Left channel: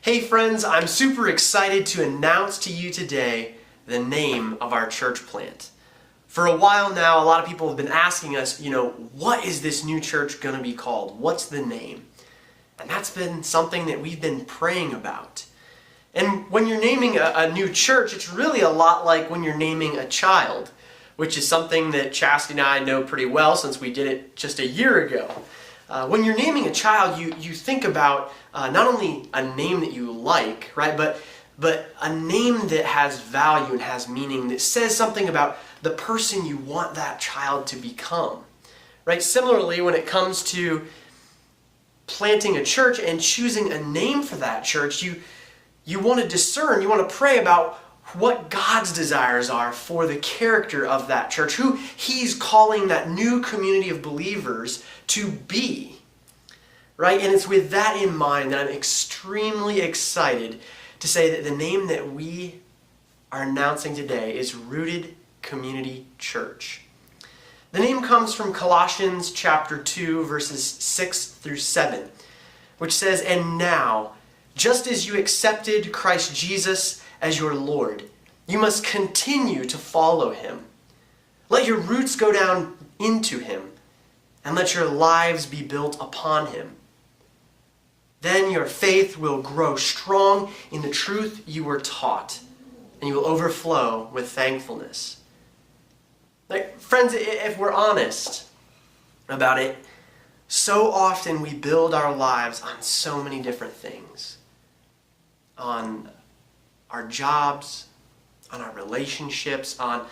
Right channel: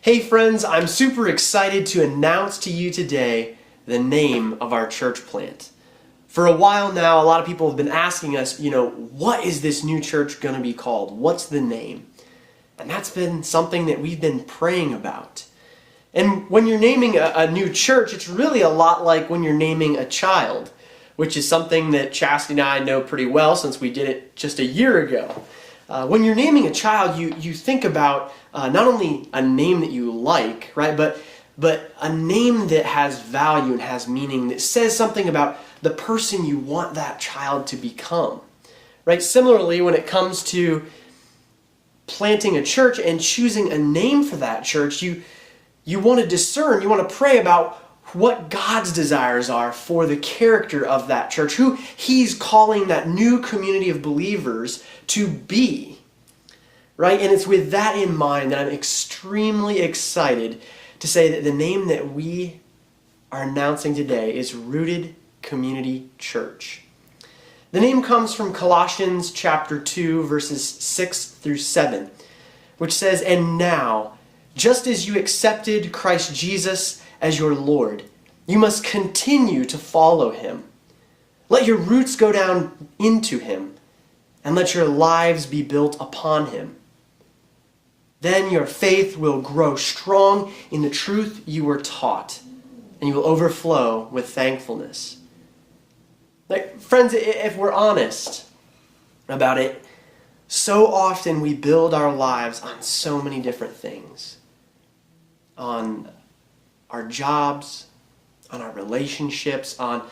Hey friends, I'm super excited to announce to you today the name of our church plant. For a while now, a lot of people have been asking us, what is this new church going to be called? What's the name? And that's been something that we've been praying about. And when you're naming a new church, it's really a lot like when you're naming a child, which is something that Chastity and I know pretty well since we did it just a year ago. When you're naming a child, you think about not only a name that you like, right, but a name that has value and has meaning, that says something about the person you want that child to become, right? Similarly, when it comes to planting a church and choosing a name for that church, you want to discern, you want to pray about what God's desires are for the character of that church, who He's calling that new community of believers to be, right? And it's with that in mind that I'm extremely excited to say that the name that we are announcing today is Rooted Community Church. The name comes from Colossians chapter 2, verses 6 through 7, which says, "And now, just as you accepted Christ Jesus as your Lord, you must continue to follow Him. Let your roots go down into Him, and let your lives be built upon Him. Then your faith will grow strong in the truth you were taught, and you will overflow with thankfulness." Like, friends, if we're honest about it, so often we build our lives on so many different things. On our jobs, on our relationships, on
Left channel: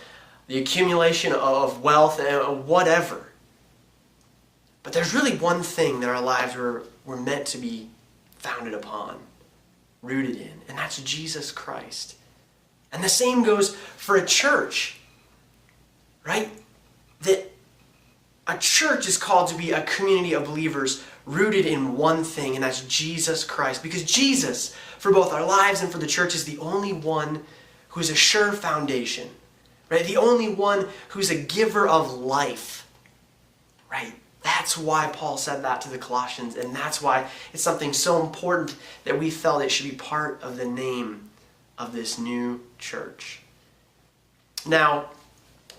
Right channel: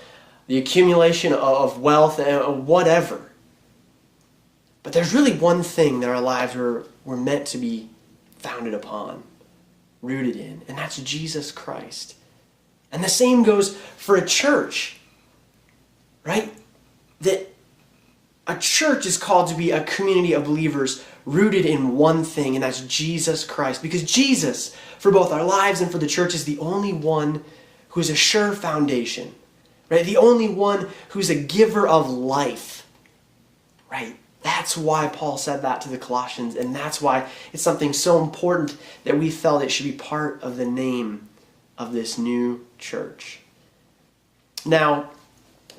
the accumulation of wealth, and whatever. But there's really one thing that our lives were meant to be founded upon, rooted in, and that's Jesus Christ. And the same goes for a church, right? That a church is called to be a community of believers rooted in one thing, and that's Jesus Christ. Because Jesus, for both our lives and for the church, is the only one who is a sure foundation, right? The only one who's a giver of life, right? That's why Paul said that to the Colossians, and that's why it's something so important that we felt it should be part of the name of this new church. Now,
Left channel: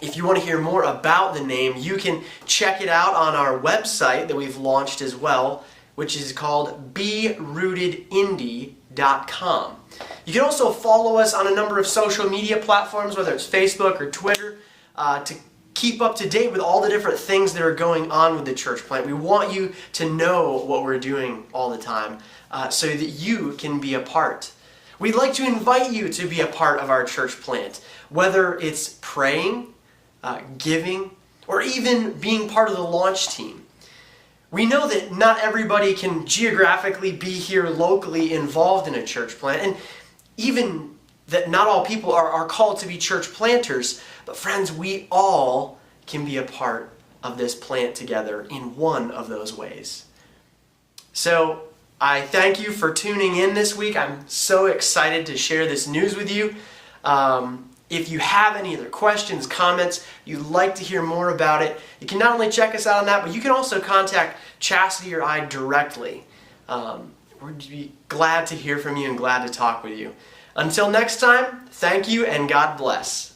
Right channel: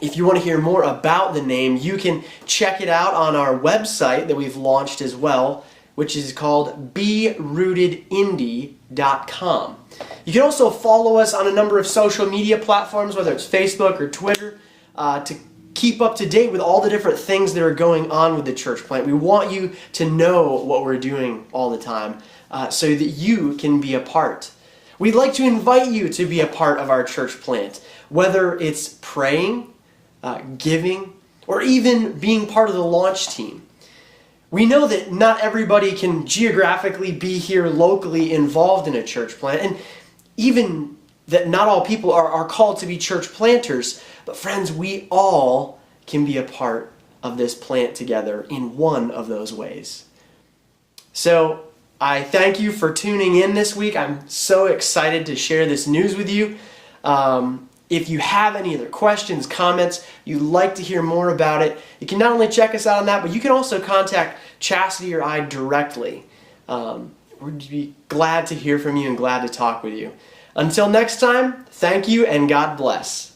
if you want to hear more about the name, you can check it out on our website that we've launched as well, which is called berootedindy.com. You can also follow us on a number of social media platforms, whether it's Facebook or Twitter, to keep up to date with all the different things that are going on with the church plant. We want you to know what we're doing all the time so that you can be a part. We'd like to invite you to be a part of our church plant, whether it's praying, giving, or even being part of the launch team. We know that not everybody can geographically be here locally involved in a church plant, and even that not all people are called to be church planters. But friends, we all can be a part of this plant together in one of those ways. So I thank you for tuning in this week. I'm so excited to share this news with you. If you have any other questions, comments, you'd like to hear more about it, you can not only check us out on that, but you can also contact Chastity or I directly. We'd be glad to hear from you and glad to talk with you. Until next time, thank you and God bless.